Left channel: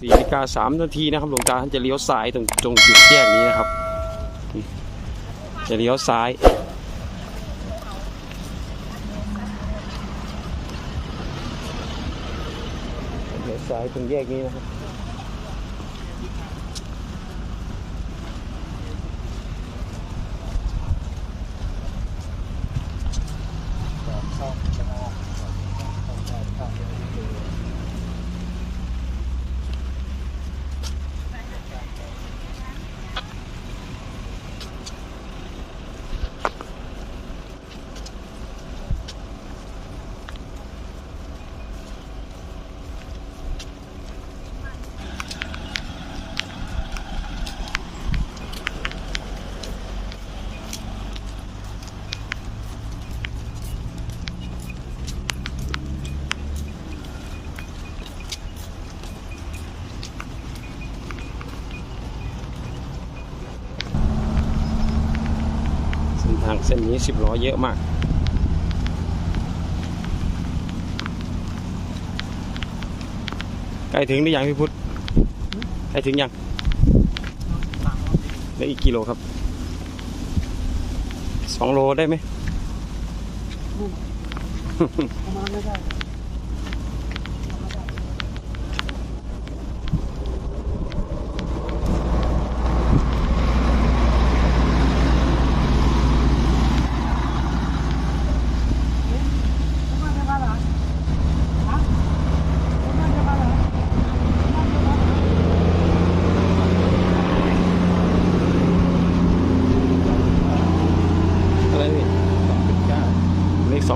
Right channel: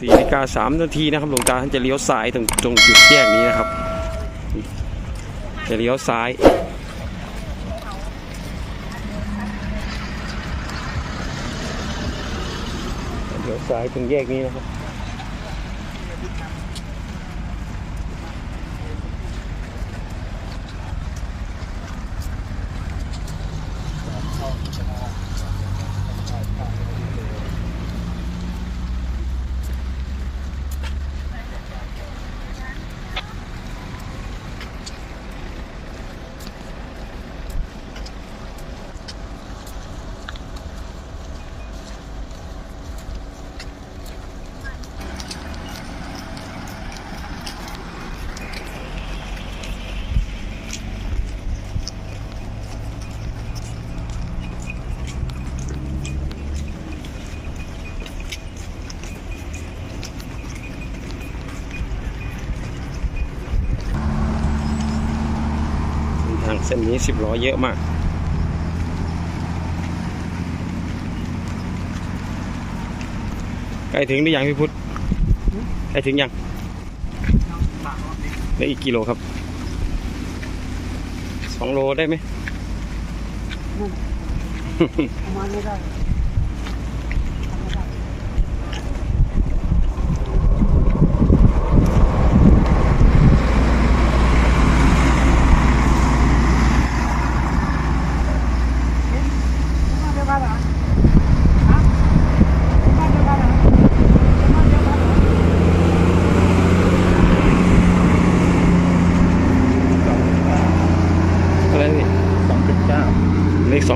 สี่นาฬิกาสามนาทีนะครับหลวงตาท่านจะเลี้ยวซ้ายตรงตรงจุดแยกนี้นะครับ จะเลี้ยวซ้าย เลี้ยวซ้ายตรงแยกนี้นะครับ เส้นนี้สิบล้อเยอะมาก ใกล้ถึงหรือยังพี่พุทธใกล้ถึงยังได้ออีกกิโลครับสองโลได้ไหมประมาณไม่ได้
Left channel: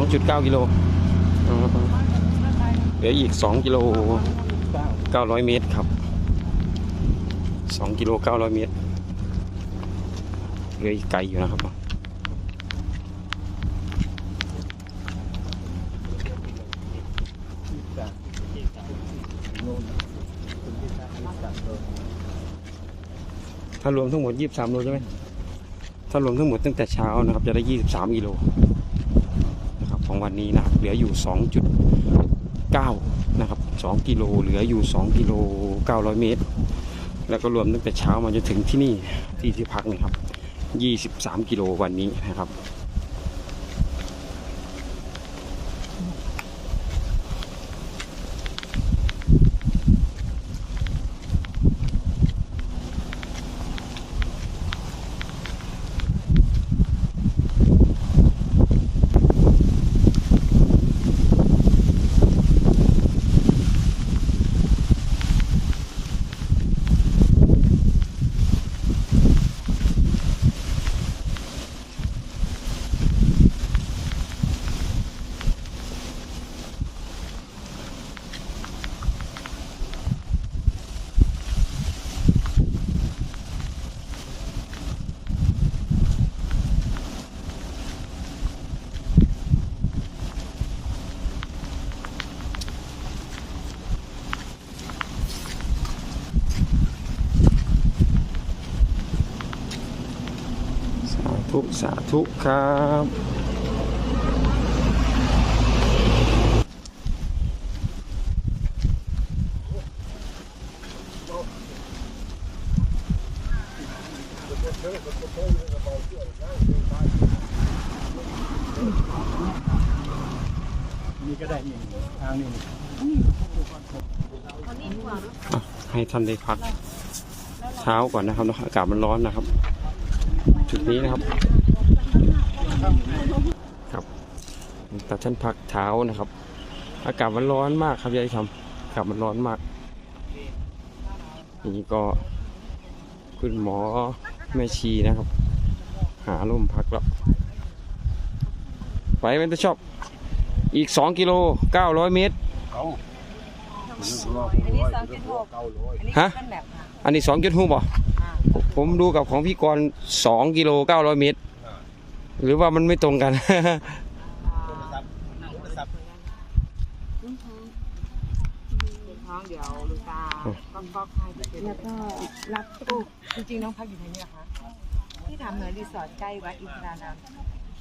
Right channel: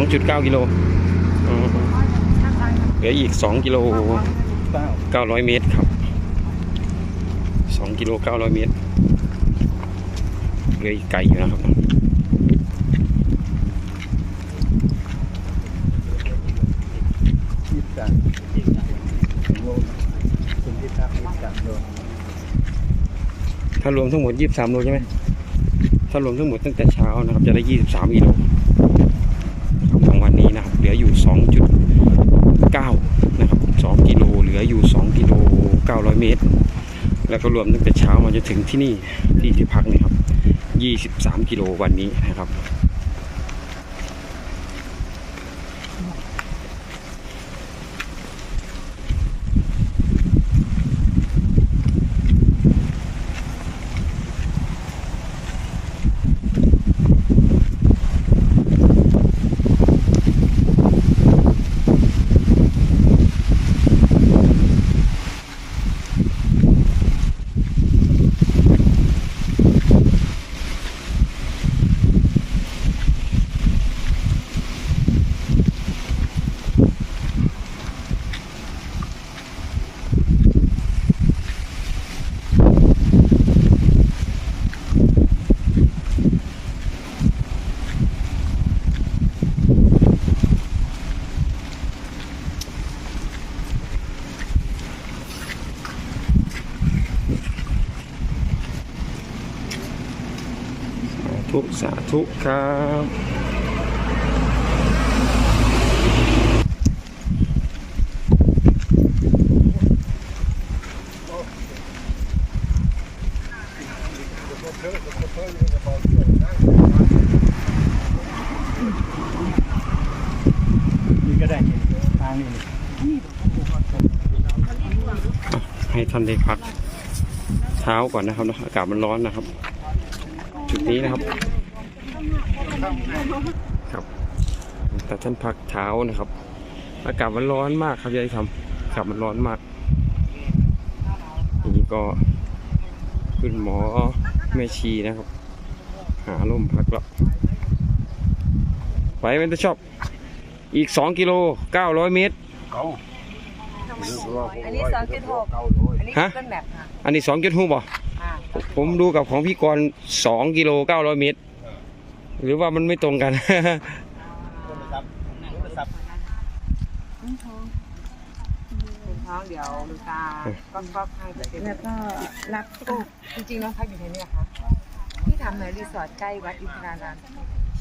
2.9 กิโลเหลืออีก 2 กิโล 900 เมตรครับ 2 กิโล 900 เมตร เหลืออีกไกลอยู่นะครับถ้ารวมทั้งหมด 23 โลใช่ไหมถ้ารวมทั้งหมดตั้งแต่เช้านะครับ จะได้ 23กิโล ของวันนี้นะครับ เหลืออยู่ 2.9 นะครับ 2 กิโล เหลืออยู่ 2 กิโล 900 เมตร แล้วก็รวมตั้งแต่เช้ามาจนถึงที่นี่ที่ที่พักนี่ครับ 23 กิโลวันนี้นะครับ สาธุครับนี่ก็ได้นี่ทางนี้ให้ท่านได้พักเช้าก่อนนะครับเนะอากาศมันร้อนนะครับ จุดนี้นะครับ ครับแต่ท่านพักเช้านะครับ อากาศมันร้อนมากครับยายทำอากาศมันร้อนมากนี่ก็คุณหมอแม่ชีนะครับ หาลมพักแล้วไปเป็นตัวชอบ อีก2กิโล900เมตรเขาอันนี้สองจุดหกอันนี้ฮะ เป็นแบบค่ะอันนี้2 6บ่อ่าผมดูกับของพี่กรณ์2กิโล900เมตร หรือว่ามันไม่ตรงกันท้องเดี๋ยวลูกตาก็ชอบให้แบบนี้แล้วก็รับจริงๆน้องพักอยู่ที่นี่ค่ะที่ทำในรีสอร์ทใกล้วัดอินทรานาม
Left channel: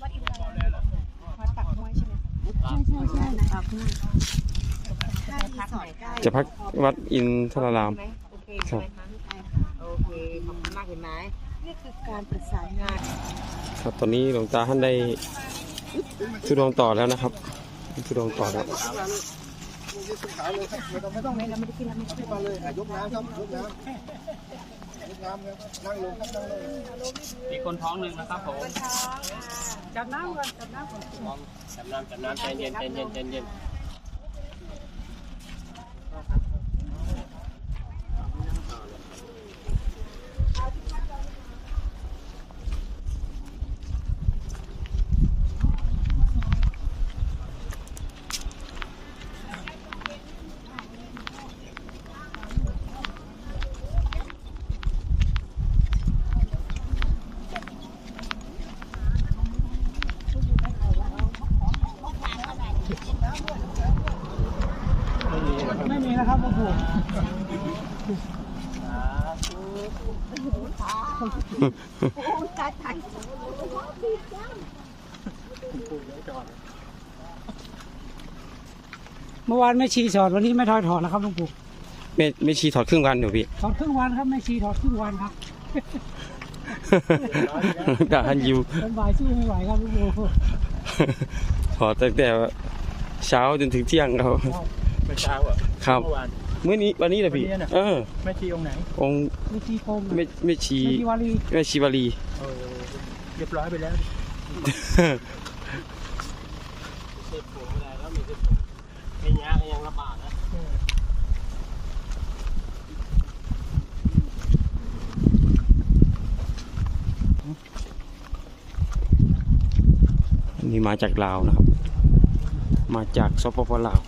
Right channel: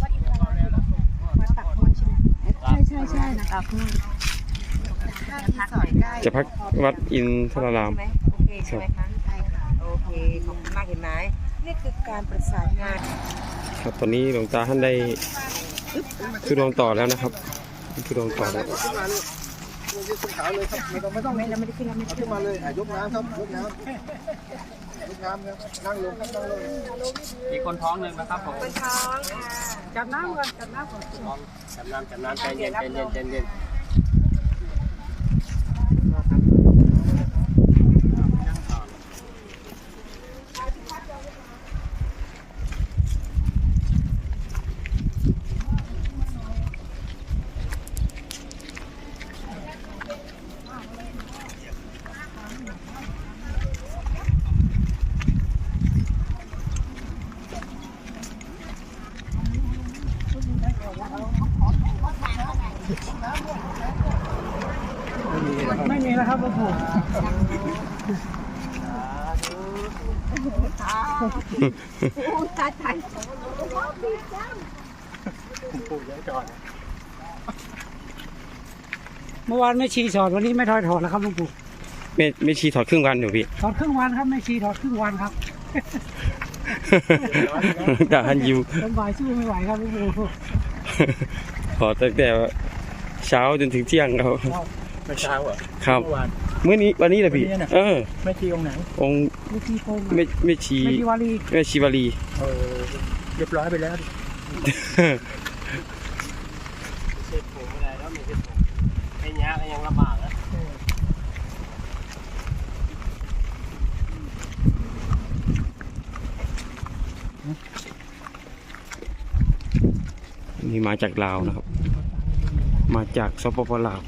วัดอินทรานามวัดปากห้วยใช่ไหมใช่ใช่ใช่นะคะค่ารีสอร์ทได้จะพักวัดอินทราราม ใช่ไหมโอเคใช่ไหมคะใช่ค่ะโอเคขอบคุณมากเห็นไหม นี่คือการประสานงานครับตอนนี้หลวงตาท่านได้ทุดงต่อแล้วนะครับทุดงต่อแล้วขาเลยครับไม่ต้องไม่ต้องไม่เราไม่ได้ขึ้นเราไม่ได้ขึ้นมาเลยอะยกน้ำครับยกน้ำยกน้ำครับนั่งลงครับนั่งลงมีคนท้องหนึ่งนะครับผมจับน้ำก่อนจับน้ำก่อนจับน้ำจับน้ำใจเย็นใจเย็นใจเย็น ไม่มีนะครับพ่อปู่เมื่อวานไม่ชีถอดวันนี้ไม่ถอยถอดแล้วครับหลวงปู่ไม่ไม่ชีถอดครึ่งวันอยู่พี่ ถอดครึ่งวันครับไม่ชีถอดครึ่งวันครับตาท่านยิวลำบายสู้ไม่ไหวครับหลวงปู่ถอดตั้งแต่ เช้าจนถึงเที่ยงครับไม่เช้าอะครับเมื่อวานเมื่อนี้วันนี้แหละพี่วันนี้น่ะเออไม่ชี้องค์ไหนองค์ไม่ชีโกงไม่ไม่ชีไม่ชีวารีไม่ชีวารีเออเรียบร้อยไปแล้วเจ็บผมอะไรแล้วมีเจ็บผมไอ้เนี้ยก็ยังลำบากนะนี่มาจากลาวนะครับ มาจากสปปลาว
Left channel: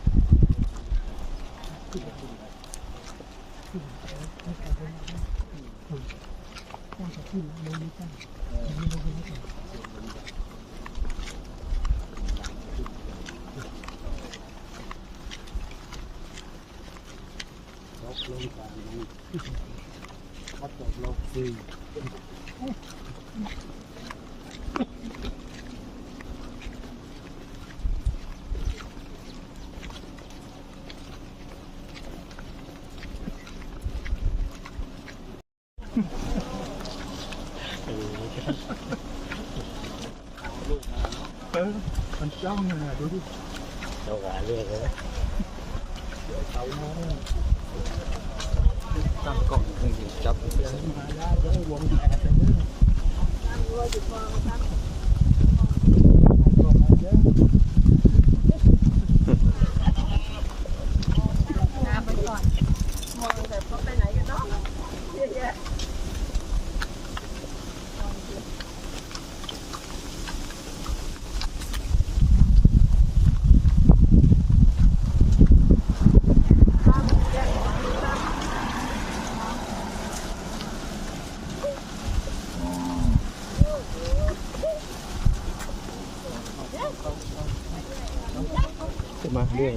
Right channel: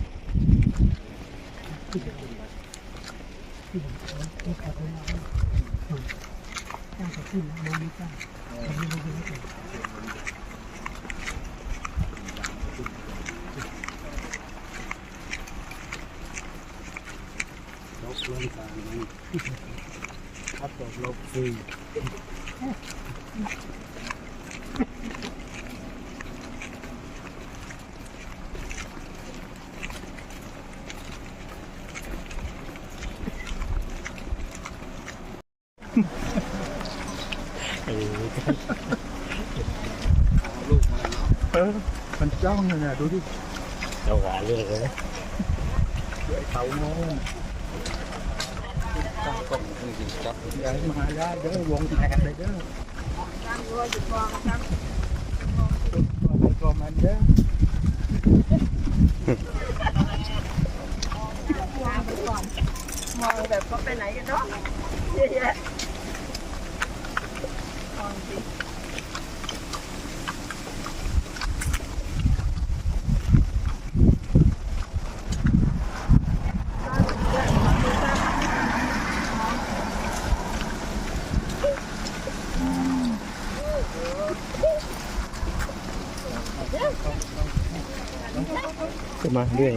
จ้างขึ้นโมนี้จ้างลบลงการมันครับตกลบฟรี เออมันจ้องเลยนะดูดิเจ้าหาเรื่องเลยเขาโน้นจับกล่องจับยายมาได้จะได้วงแตกไปเด้อก็มาเด้อ มองแบบว่าไปไหนกันเนาะเยอะแยะก็มาเรื่อย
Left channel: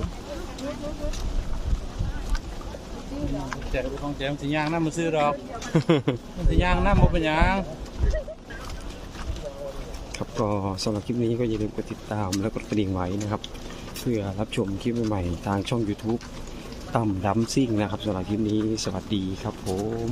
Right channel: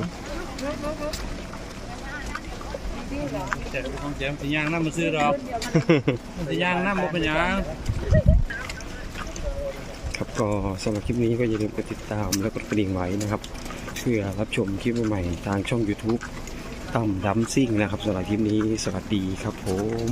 แต่ของแจมสัญญาณน้ำมาซื้อดอกสัญญาณน้ำมาเป็นยังครับก็สำหรับคลิปนี้ก็อย่าลืมกดติดตามแล้วกดกระดิ่งไว้นะครับ เพื่อรับชมคลิปใหม่ๆทางช่อง YouTube ตั้มดัมซิ่งนะครับสำหรับคลิปนี้สวัสดีครับผม